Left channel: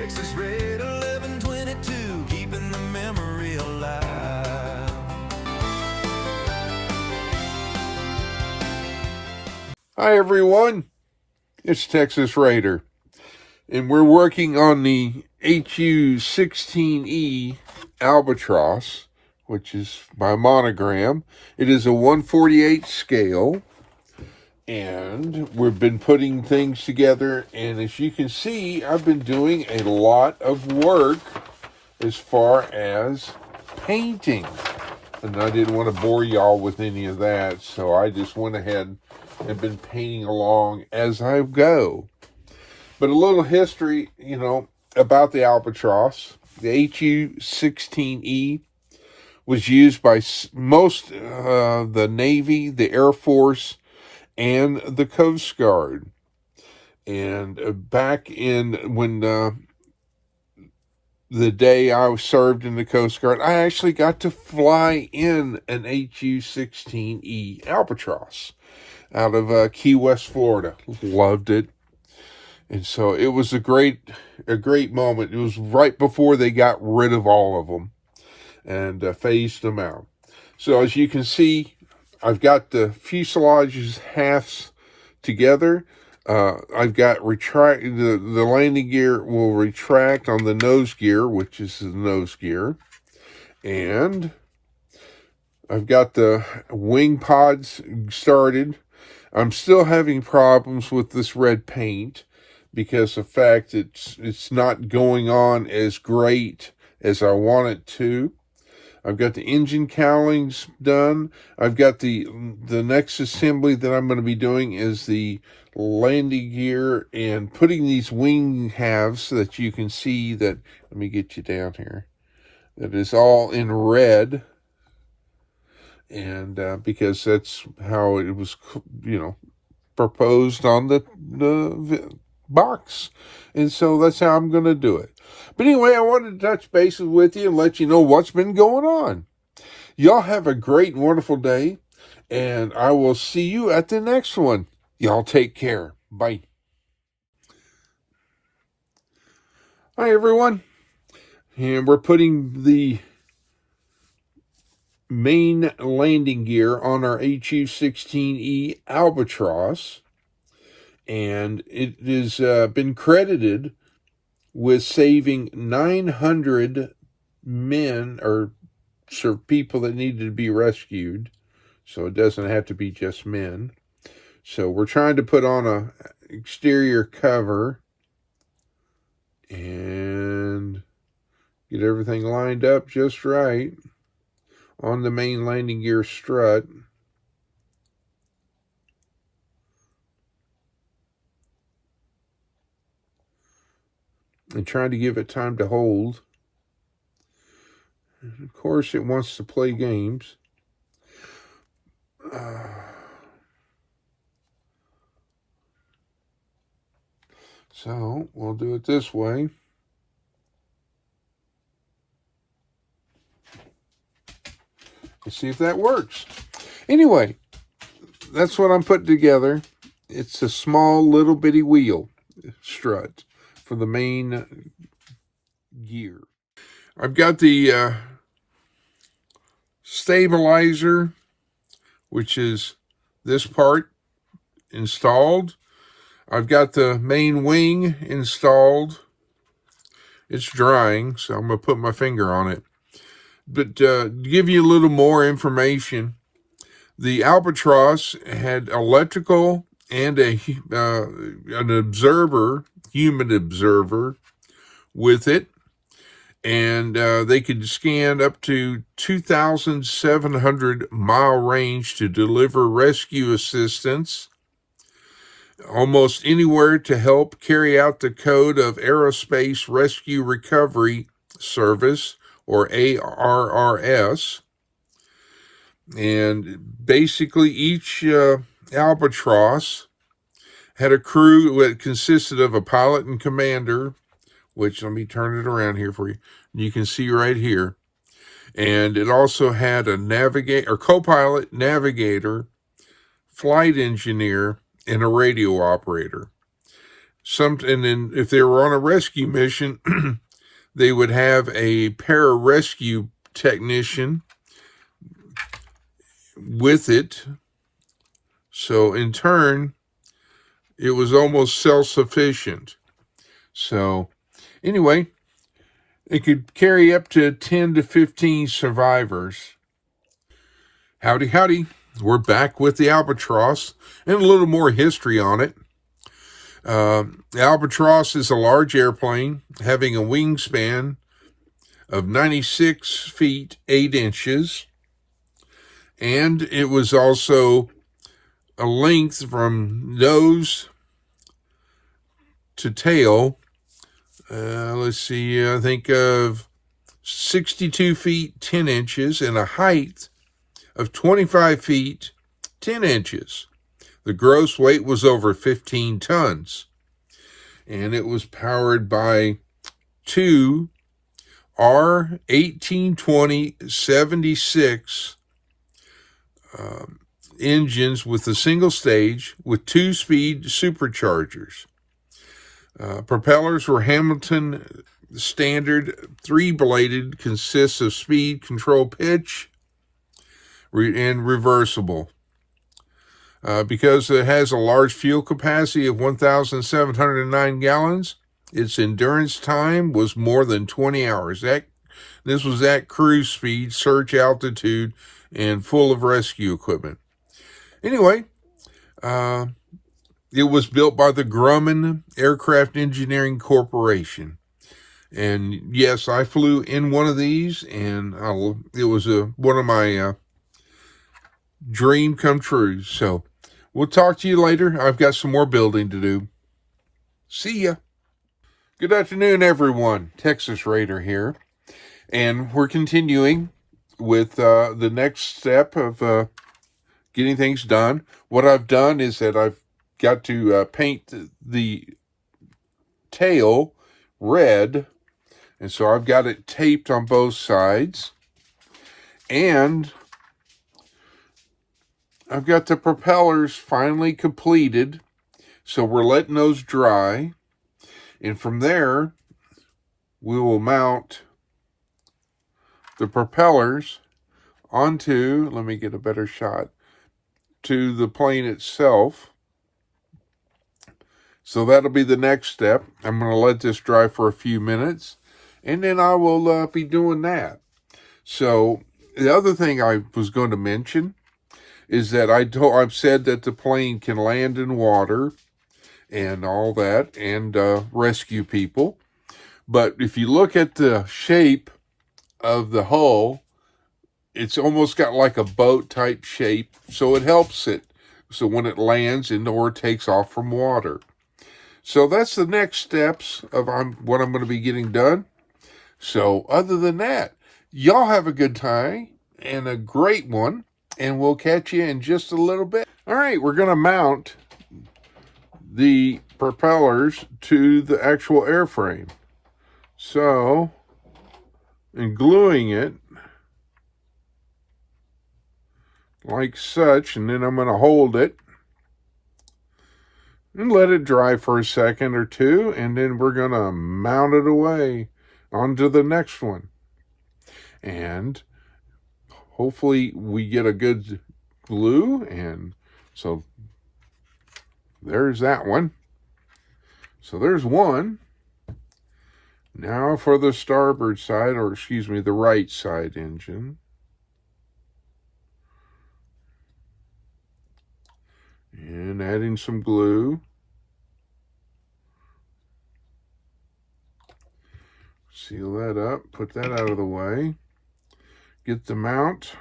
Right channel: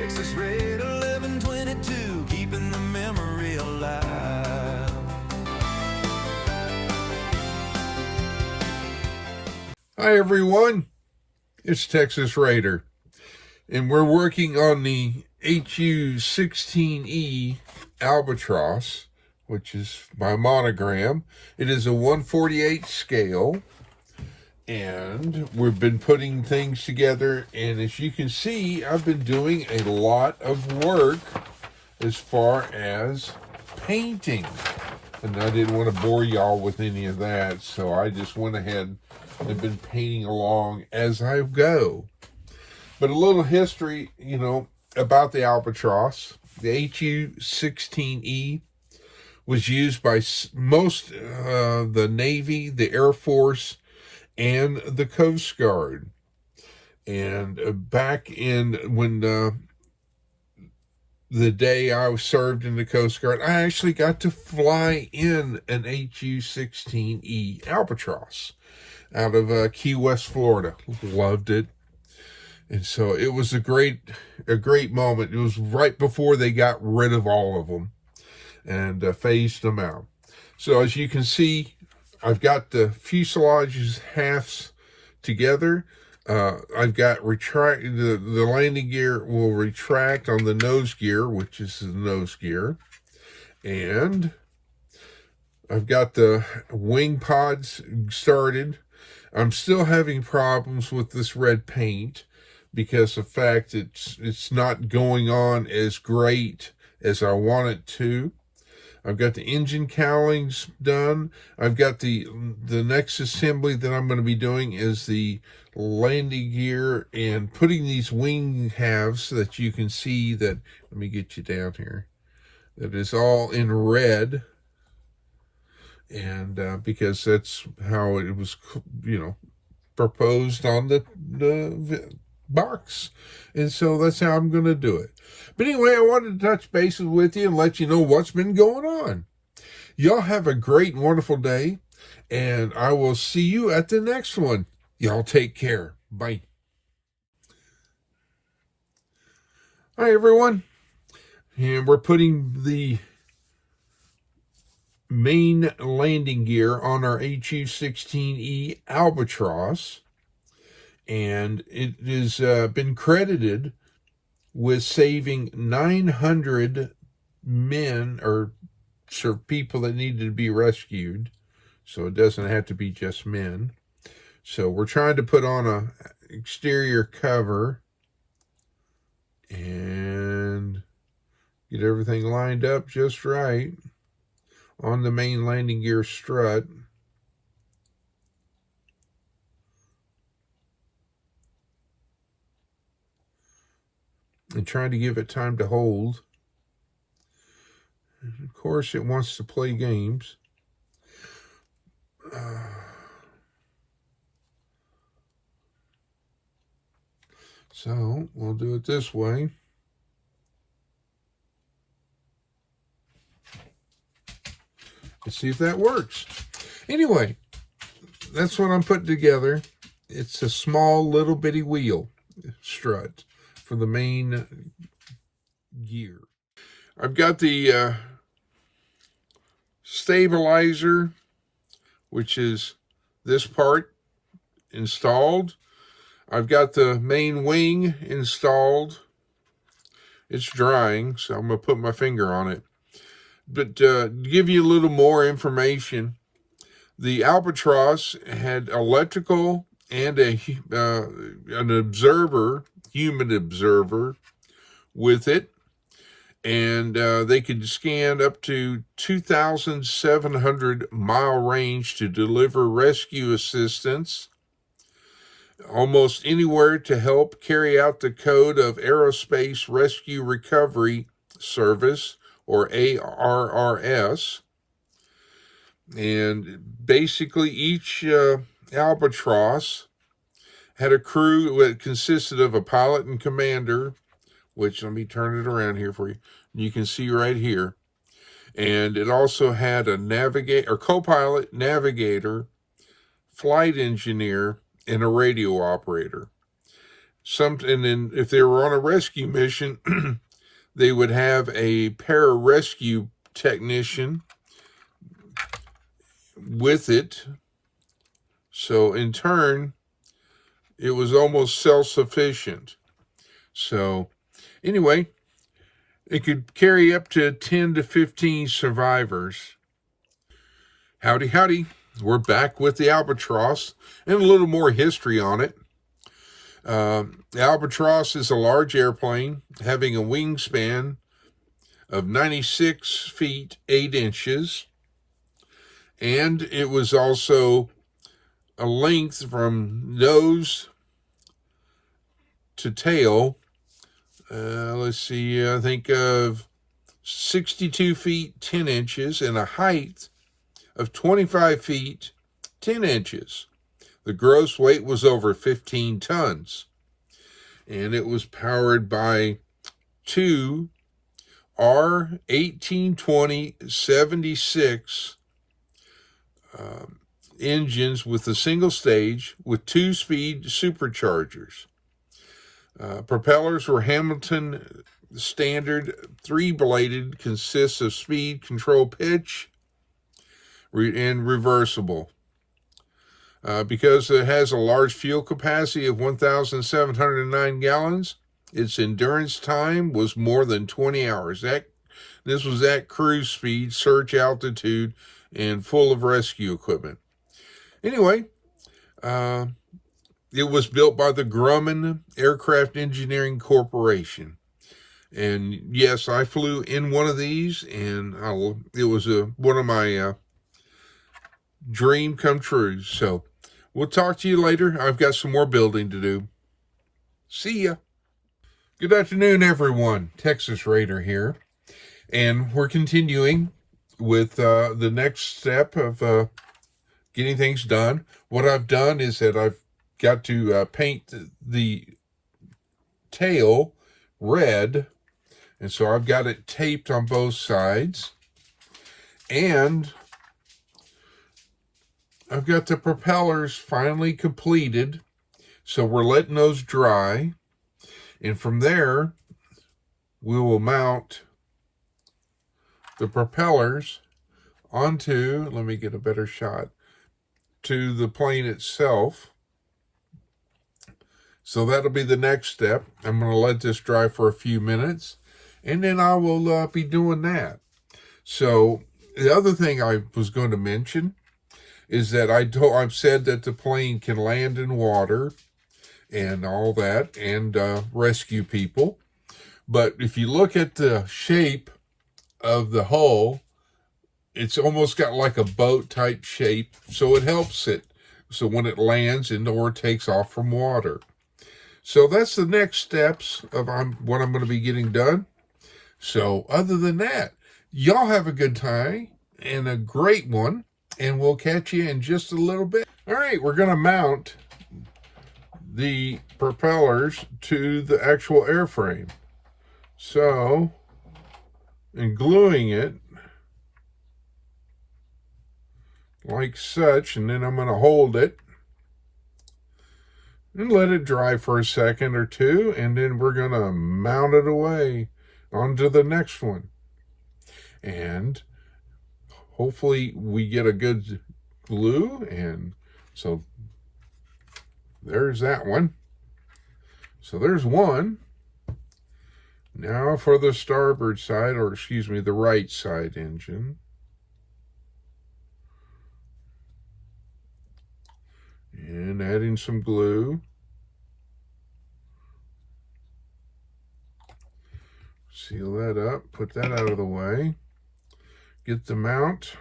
Texas Red 1122, keeping the memory alive. Hi everyone, it's Texas Raider, and we're working on the HU-16E Albatross, which is by monogram. It is a 1/48 scale, and we've been putting things together, and as you can see, I've been doing a lot of work as far as painting. And I didn't want to bore y'all with any of that, so I just went ahead and been painting along as I go. But a little history, about the Albatross. The HU-16E was used by most the Navy, the Air Force, and the Coast Guard. And back in when the day I served in the Coast Guard, I actually got to fly in an HU-16E Albatross out of Key West, Florida. Loved it. And so it was a great moment. It was right before they got rid of all of them and phased them out. So as you can see, I've got the fuselage's halves together. I've got the landing gear will retract on the nose gear, which is the nose gear. And I've got the wing pods started. I'm still having problems with this red paint because of the fact it's not going on as great as I want it to. I've got the engine cowlings done. I've got the next assembly that I'm going to be doing is the landing gear and putting these wing halves so that you can see that. Let me get you down here. That is all in red. And because that's how it was, proposed on the box. And so that's how I'm going to do it. But anyway, I wanted to touch bases with you and let you know what's been going on. Y'all have a great and wonderful day, and I will see you at the next one. Y'all take care. Bye. Hi, everyone. And we're putting the main landing gear on our HU-16E Albatross, and it has been credited with saving 900 men or people that needed to be rescued, so it doesn't have to be just men. So we're trying to put on a exterior cover and get everything lined up just right on the main landing gear strut. And trying to give it time to hold. And of course, it wants to play games. So we'll do it this way. Let's see if that works. Anyway, that's what I'm putting together. It's a small little bitty wheel strut for the main gear. I've got the stabilizer, which is this part, installed. I've got the main wing installed. It's drying, so I'm going to put my finger on it. But to give you a little more information, the Albatross had electrical and an observer, human observer, with it. And they could scan up to 2,700 mile range to deliver rescue assistance almost anywhere to help carry out the code of Aerospace Rescue Recovery Service, or ARRS. And basically each Albatross had a crew that consisted of a pilot and commander, which, let me turn it around here for you. You can see right here. And it also had a co-pilot, navigator, flight engineer, and a radio operator. And then if they were on a rescue mission, they would have a pararescue technician with it. So in turn, it was almost self-sufficient. So anyway, it could carry up to 10 to 15 survivors. Howdy, howdy. We're back with the Albatross and a little more history on it. The Albatross is a large airplane having a wingspan of 96 feet 8 inches, and it was also a length from nose to tail. Let's see, I think of 62 feet 10 inches and a height of 25 feet 10 inches. The gross weight was over 15 tons, and it was powered by two R1820-76 engines with a single stage with 2-speed superchargers. Propellers were Hamilton standard 3-bladed, consists of speed, control, pitch, and reversible. Because it has a large fuel capacity of 1,709 gallons, its endurance time was more than 20 hours. This was at cruise speed, search altitude, and full of rescue equipment. Anyway, it was built by the Grumman Aircraft Engineering Corporation. And yes, I flew in one of these, and it was one of my dream come true. So we'll talk to you later. I've got some more building to do. See ya. Good afternoon, everyone. Texas Raider here. And we're continuing with the next step of getting things done. What I've done is that I've got to paint the tail red. And so I've got it taped on both sides. And I've got the propellers finally completed. So we're letting those dry. And from there, we will mount the propellers onto, let me get a better shot, to the plane itself. So that'll be the next step. I'm going to let this dry for a few minutes, and then I will be doing that. So the other thing I was going to mention is that I've said that the plane can land in water and all that, and rescue people. But if you look at the shape of the hull, it's almost got like a boat type shape, so it helps it. So when it lands or takes off from water. So that's the next steps of what I'm going to be getting done. So other than that, y'all have a good time and a great one, and we'll catch you in just a little bit. All right, we're going to mount the propellers to the actual airframe. So, and gluing it like such, and then I'm going to hold it and let it dry for a second or two, and then we're going to mount it away onto the next one. And hopefully we get a good glue, and so there's that one. So there's one. Now for the starboard side, or excuse me, the right side engine. And adding some glue. Seal that up, put that out of the way. Get the mount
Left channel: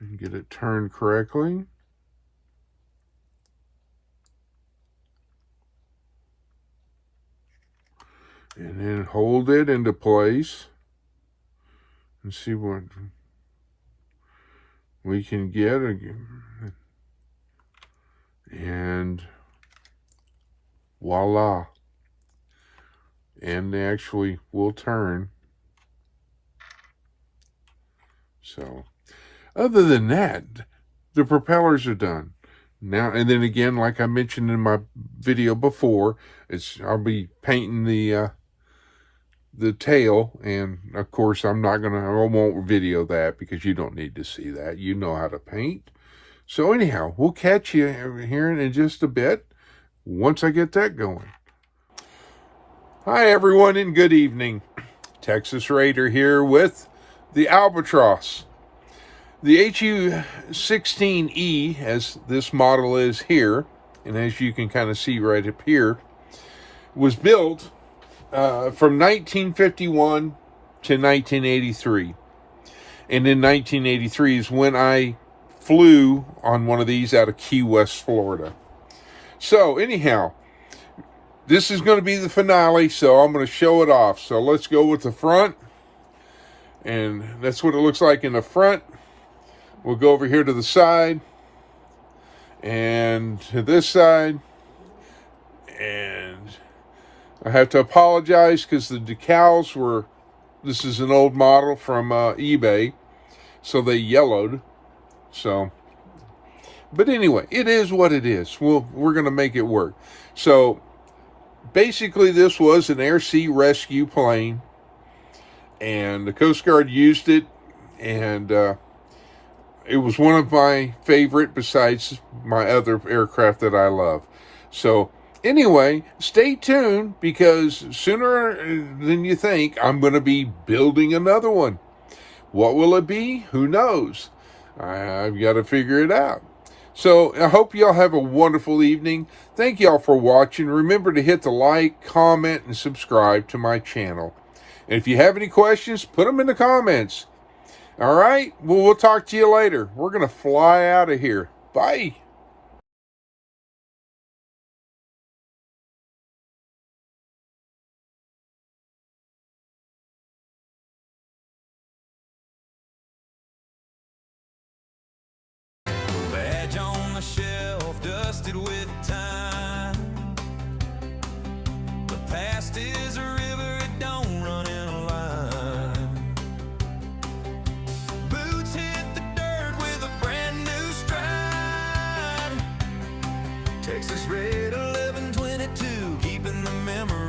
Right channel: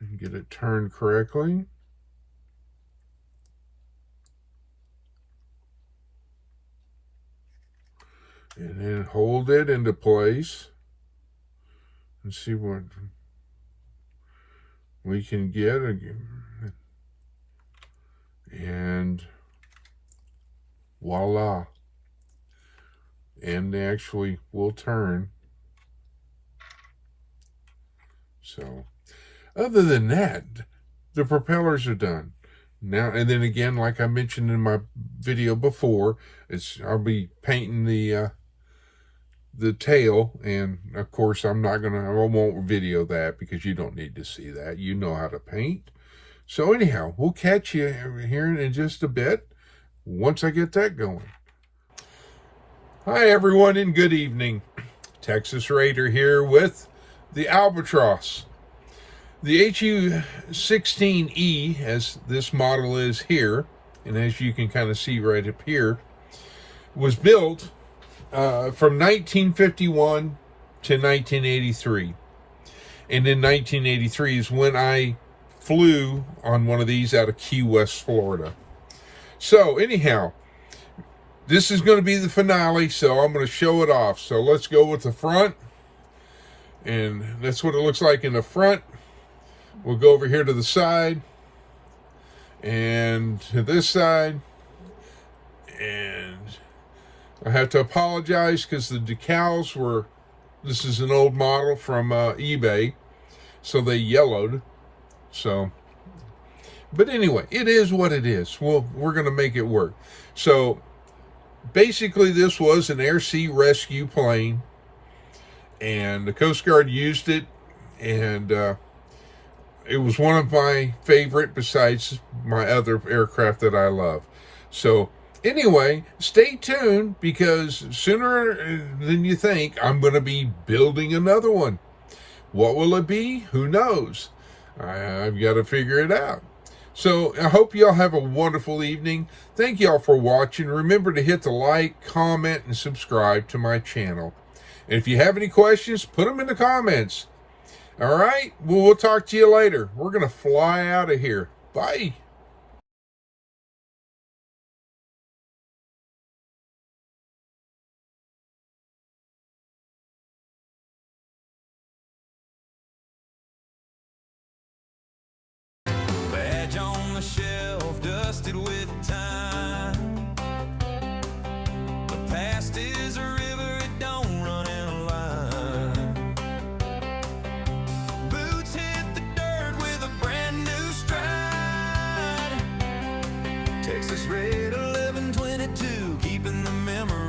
and get it turned correctly. And then hold it into place and see what we can get. And voila. And they actually will turn. So, other than that, the propellers are done. Now and then again, like I mentioned in my video before, I'll be painting the tail, and of course I won't video that because you don't need to see that. You know how to paint. So anyhow, we'll catch you here in just a bit once I get that going. Hi everyone and good evening. Texas Raider here with the Albatross. The HU-16E, as this model is here, and as you can kind of see right up here, was built from 1951 to 1983. And in 1983 is when I flew on one of these out of Key West, Florida. So anyhow, this is going to be the finale, so I'm going to show it off. So let's go with the front. And that's what it looks like in the front. We'll go over here to the side. And to this side. And I have to apologize because the decals were... This is an old model from eBay. So they yellowed. So... But anyway, it is what it is. We're going to make it work. So... Basically, this was an air-sea rescue plane, and the Coast Guard used it, and it was one of my favorite besides my other aircraft that I love. So, anyway, stay tuned, because sooner than you think, I'm going to be building another one. What will it be? Who knows? I've got to figure it out. So, I hope y'all have a wonderful evening. Thank y'all for watching. Remember to hit the like, comment, and subscribe to my channel. And if you have any questions, put them in the comments. All right? Well, we'll talk to you later. We're going to fly out of here. Bye. Badge on the shelf, dusted with time. The past is a river, it don't run in a line. Boots hit the dirt with a brand new stride. Texas Red 1122, keeping the memory